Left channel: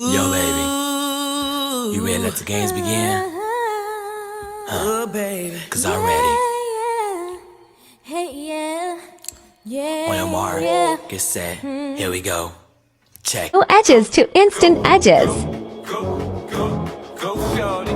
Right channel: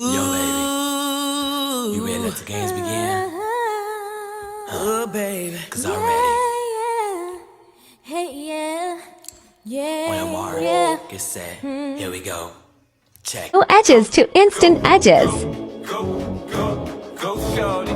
Yo, baby, you ready to let the games begin? Baby. Cause I'm ready. On your mark, get set, here we go. Check. No edges to instant edges. Go, shorty,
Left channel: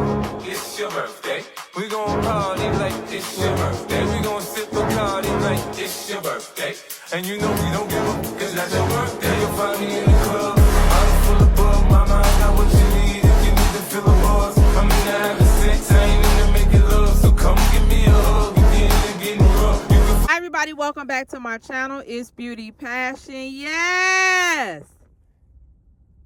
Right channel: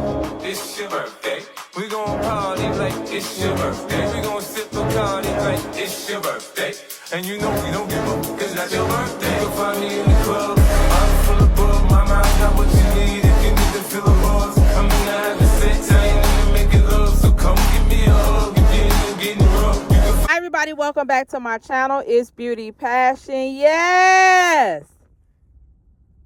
it's your birthday. We gon' party like it's your birthday. We gon' sip Bacardi like it's your birthday. And you know we don't give up, cause that's your birthday. You'll find me in the club, I'm full of bug. My mind got what you need if you need to feel the buzz. I'm in the having sex, I ain't in to making love. So come give me a hug if you're in the getting rough. Hi everybody, welcome back to my channel. It's Beauty Passion. Yes,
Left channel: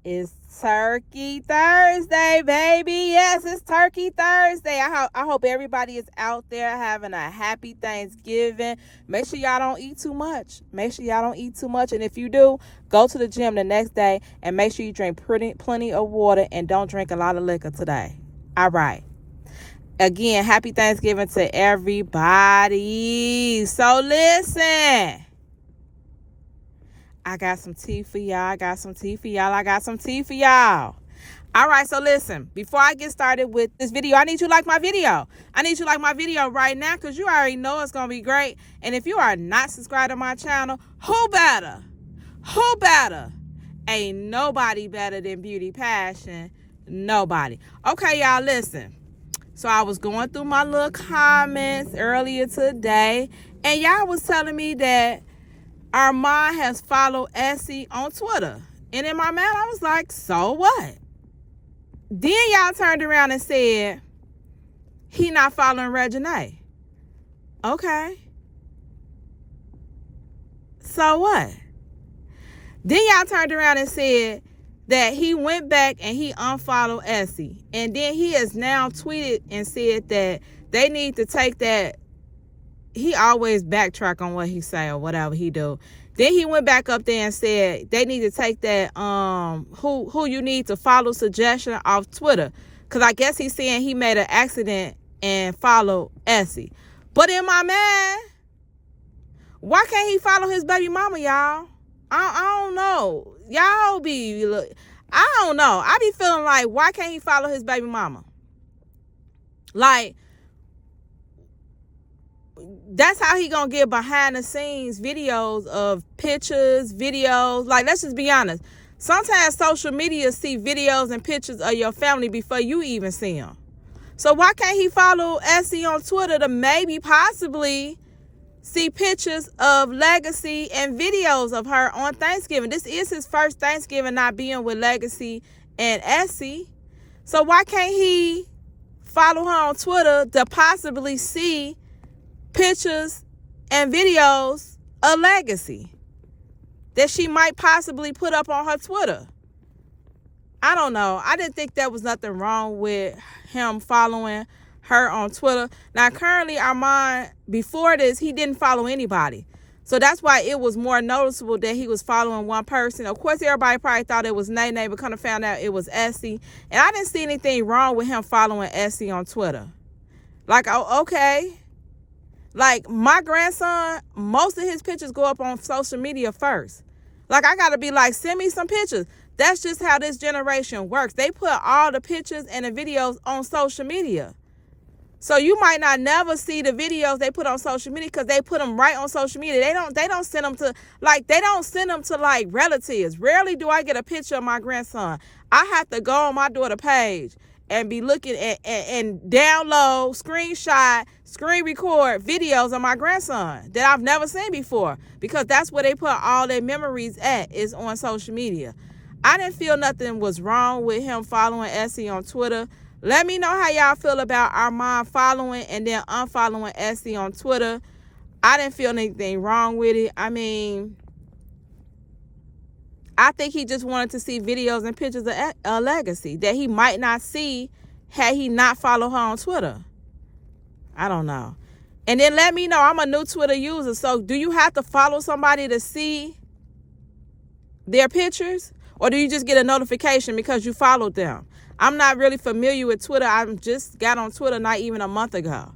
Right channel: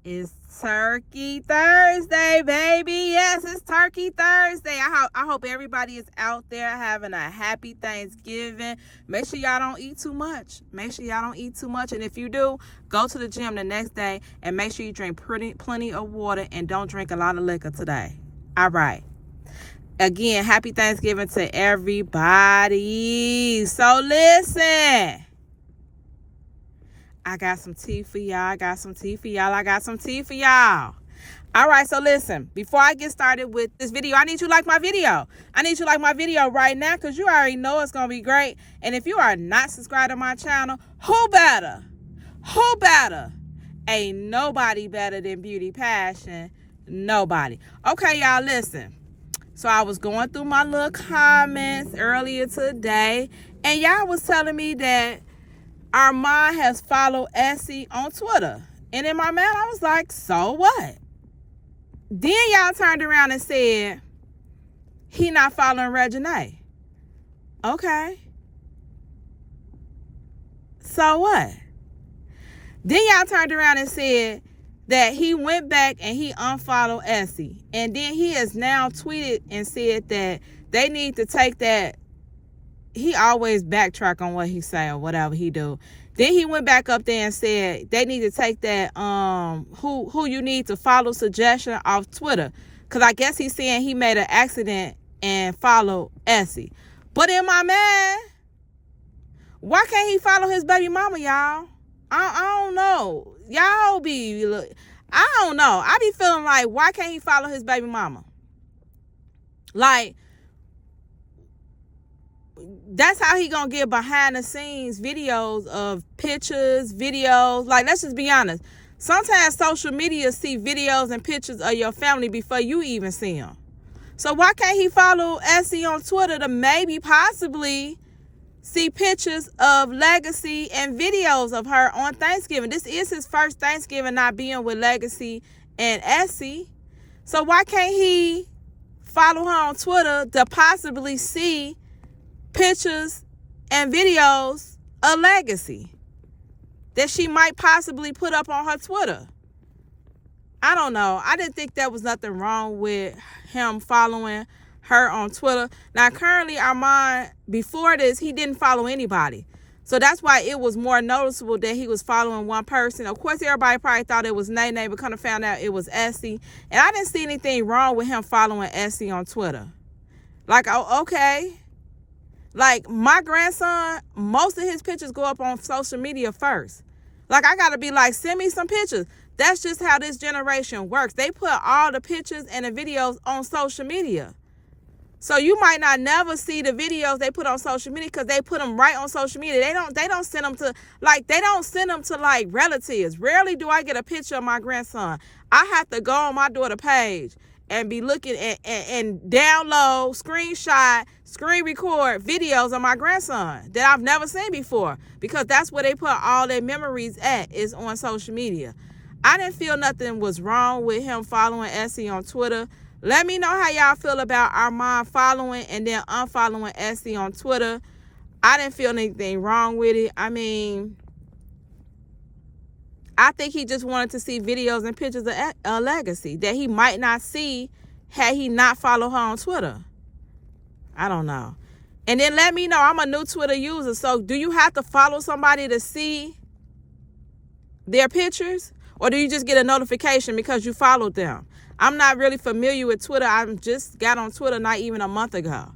it's Turkey Thursday, baby. Yes, it's Turkey Thursday. I hope everybody is out there having a happy Thanksgiving. Make sure y'all don't eat too much. And if you do, go to the gym the next day and make sure you drink plenty of water and don't drink a lot of liquor today. All right. Again, happy Thanksgiving to everybody. So listen, I got some tea for y'all. All right, so listen, before I get started with this video, I need you to like my video. Right now because you already know it's going to be great. And if you are not subscribed to my channel, who better? Ain't nobody better than Beauty Passion. Nobody. Okay, y'all, listen. So I was going through my little comments earlier today, and y'all was telling me that Armon has followed Essy on Twitter. And in my mind, I was like, so what? Then y'all turned around and said, he not following REGINAE. Okay. So what? Then y'all turned around and said that he went back and he unfollowed Essy. And then he has now tweeted and said that they need to take that. He always backtrack on what he say or whatever he do. Then he went back up there and said they need to take that who you need to follow suggestion off Twitter. Because I guess he's saying he made an accident and followed Essy. But in my man, why can't he follow his baby mama, y'all? I don't know. Y'all be, I don't know. I be feeling like, why can't he follow his baby mama? Like, that's how he gonna get behind the scenes videos of pictures, videos. Like, let's just be honest. Sometimes social media see videos and pictures of your family before you even see them. So why can't he follow Essy on Twitter to maybe possibly see pictures of Legacy and videos of her on Thanksgiving? This is his first Thanksgiving not being with Legacy and Essy. So why can't he follow her on Twitter to possibly see pictures and videos of Legacy that she might possibly put up on her Twitter? I don't know. I didn't think there was nothing wrong with him following her on Twitter. Now, currently, Armon, before this, he didn't follow anybody. So that's why it was more noticeable that he was following one person. Of course, everybody probably thought it was NITE, but kind of found out it was Essy. And I didn't see anything wrong with him following Essy on Twitter. Like, oh, okay. Like, my grandson, most of his pictures go up on social media first. Like, I got to be like, send me some pictures. That's just how this generation works. They put all the pictures and the videos on social media. So you might not never see the videos they put on social media because they put them right on social media. They don't send them to like relatives. Rarely do I get a picture of my grandson. I have to go on my daughter's page and be looking at and download, screenshot, screen record videos of my grandson that I've never seen before, because that's where they put all their memories at, is on social media. I didn't feel nothing was wrong with him following Essy on Twitter. Let me know how y'all feel about Armon following and then unfollowing Essy on Twitter. I didn't feel anything wrong with it. I mean, I think he just wanted to see videos and pictures of Legacy that he might not see had he not followed her on Twitter. I don't know. And then let me know. I'm a new Twitter user. So do you have to follow somebody to see their pictures? Or do you just get a notification because you followed them? I'm not really familiar with Twitter. I just got on Twitter not even a month ago.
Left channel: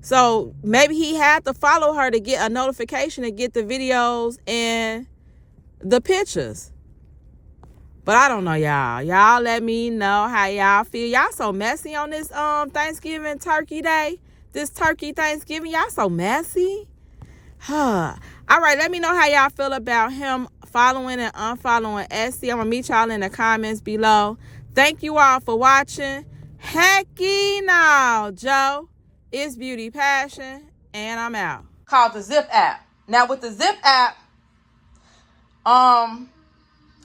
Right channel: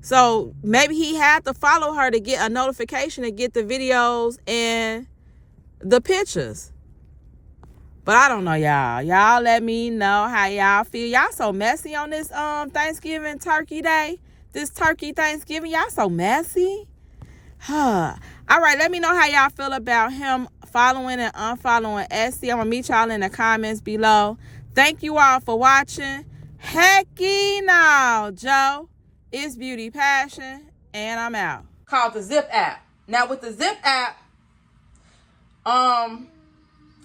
So maybe he had to follow her to get a notification to get the videos and the pictures. But I don't know, y'all. Y'all let me know how y'all feel. Y'all so messy on this Thanksgiving turkey day. This turkey Thanksgiving. Y'all so messy. All right, let me know how y'all feel about him following and unfollowing Essy. I'm going to meet y'all in the comments below. Thank you all for watching. Hecky now, Joe. It's Beauty Passion, and I'm out. Called the Zip app. Now, with the Zip app, I'm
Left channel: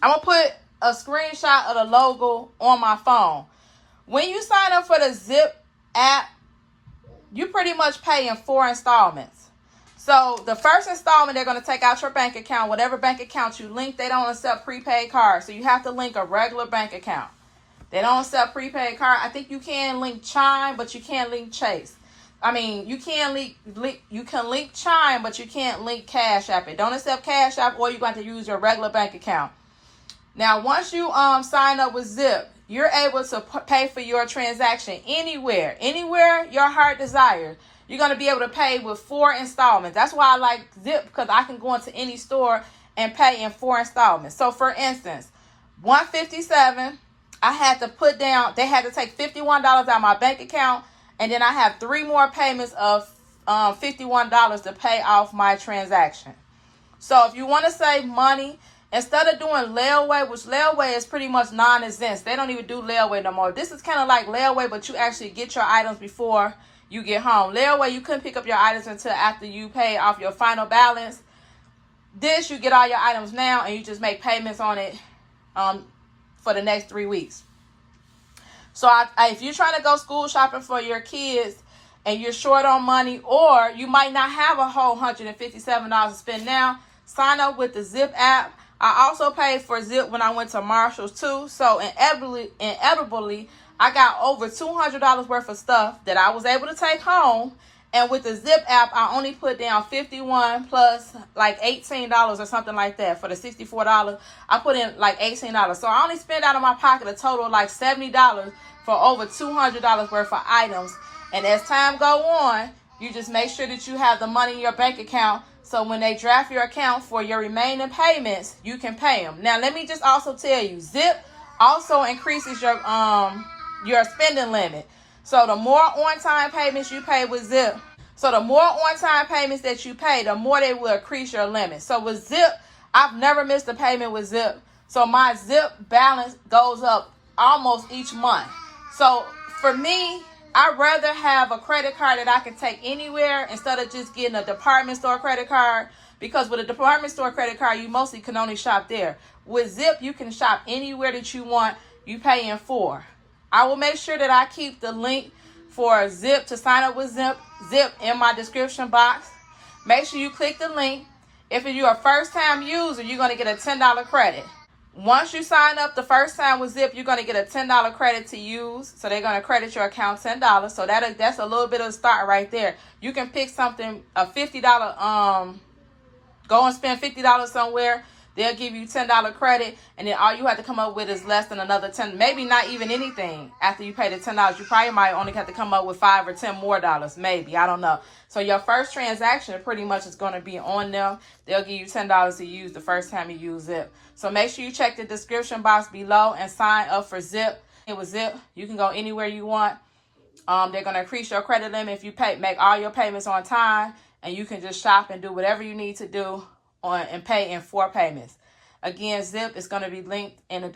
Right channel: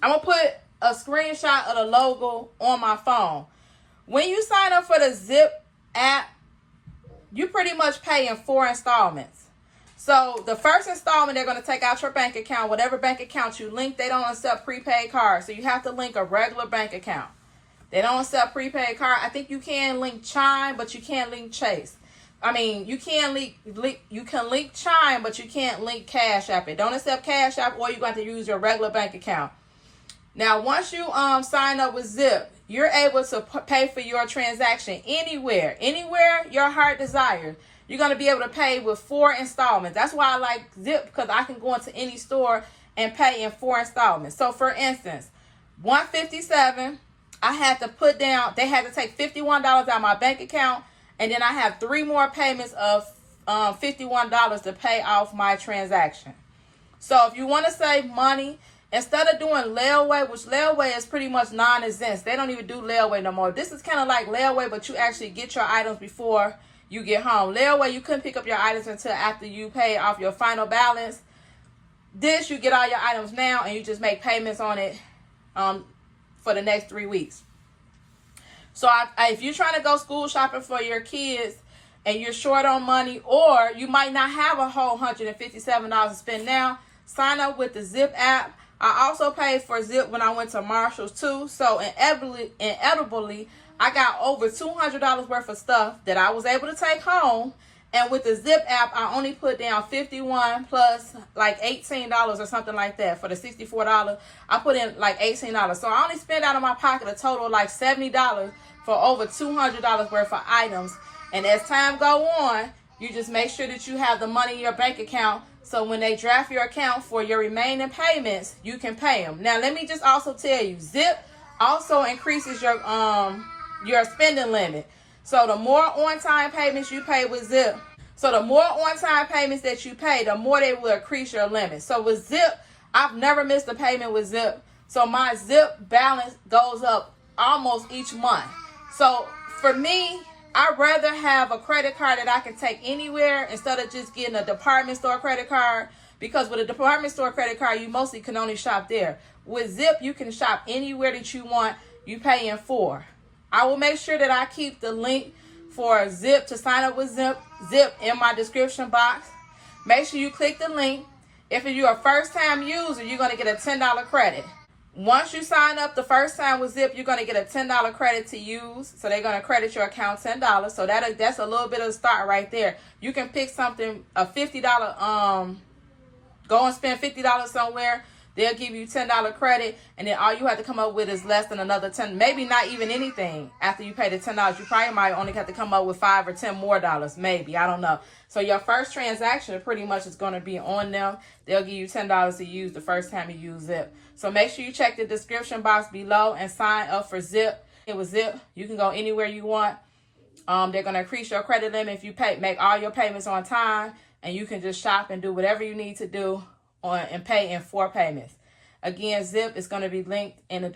going to put a screenshot of the logo on my phone. When you sign up for the Zip app, you pretty much pay in 4 installments. So the first installment, they're going to take out your bank account. Whatever bank account you link, they don't accept prepaid cards. So you have to link a regular bank account. They don't accept prepaid card. I think you can link Chime, but you can't link Chase. I mean, you can link Chime, but you can't link Cash App. It don't accept Cash App, or you're going to use your regular bank account. Now, once you sign up with Zip, you're able to pay for your transaction anywhere your heart desires. You're going to be able to pay with 4 installments. That's why I like Zip, because I can go into any store and pay in 4 installments. So, for instance, $157, I had to put down, they had to take $51 out of my bank account, and then I have 3 more payments of $51 to pay off my transaction. So, if you want to save money, instead of doing layaway, which layaway is pretty much non-exempt, they don't even do layaway no more. This is kind of like layaway, but you actually get your items before you get home. Layaway, you couldn't pick up your items until after you pay off your final balance. This, you get all your items now, and you just make payments on it for the next 3 weeks. So if you're trying to go school shopping for your kids and you're short on money, or you might not have a whole $157 to spend now, sign up with the Zip app. I also paid for Zip when I went to Marshall's too. So inevitably, I got over $200 worth of stuff that I was able to take home. And with the Zip app, I only put down $51 plus like $18 or something like that. For the $64, I put in like $18. So I only spent out of my pocket a total of like $70 for over $200 worth of items. And as time go on, you just make sure that you have the money in your bank account, so when they draft your account for your remaining payments, you can pay them. Now, let me just also tell you, Zip also increases your spending limit. So the more on-time payments you pay with Zip, so the more on-time payments that you pay, the more they will increase your limit. So with Zip, I've never missed a payment with Zip. So my Zip balance goes up almost each month. So for me, I'd rather have a credit card that I can take anywhere instead of just getting a department store credit card, because with a department store credit card, you mostly can only shop there. With Zip, you can shop anywhere that you want. You pay in 4. I will make sure that I keep the link for Zip to sign up with Zip in my description box. Make sure you click the link. If you're a first-time user, you're going to get a $10 credit. Once you sign up the first time with Zip, you're going to get a $10 credit to use. So they're going to credit your account $10. So that's a little bit of a start right there. You can pick something, a $50, go and spend $50 somewhere. They'll give you $10 credit, and then all you have to come up with is less than another $10, maybe not even anything. After you pay the $10, you probably might only have to come up with $5 or $10 more, maybe. I don't know. So your first transaction pretty much is going to be on them. They'll give you $10 to use the first time you use Zip. So make sure you check the description box below and sign up for Zip. With Zip, you can go anywhere you want. They're going to increase your credit limit if you make all your payments on time, and you can just shop and do whatever you need to do and pay in 4 payments. Again, Zip is going to be linked in the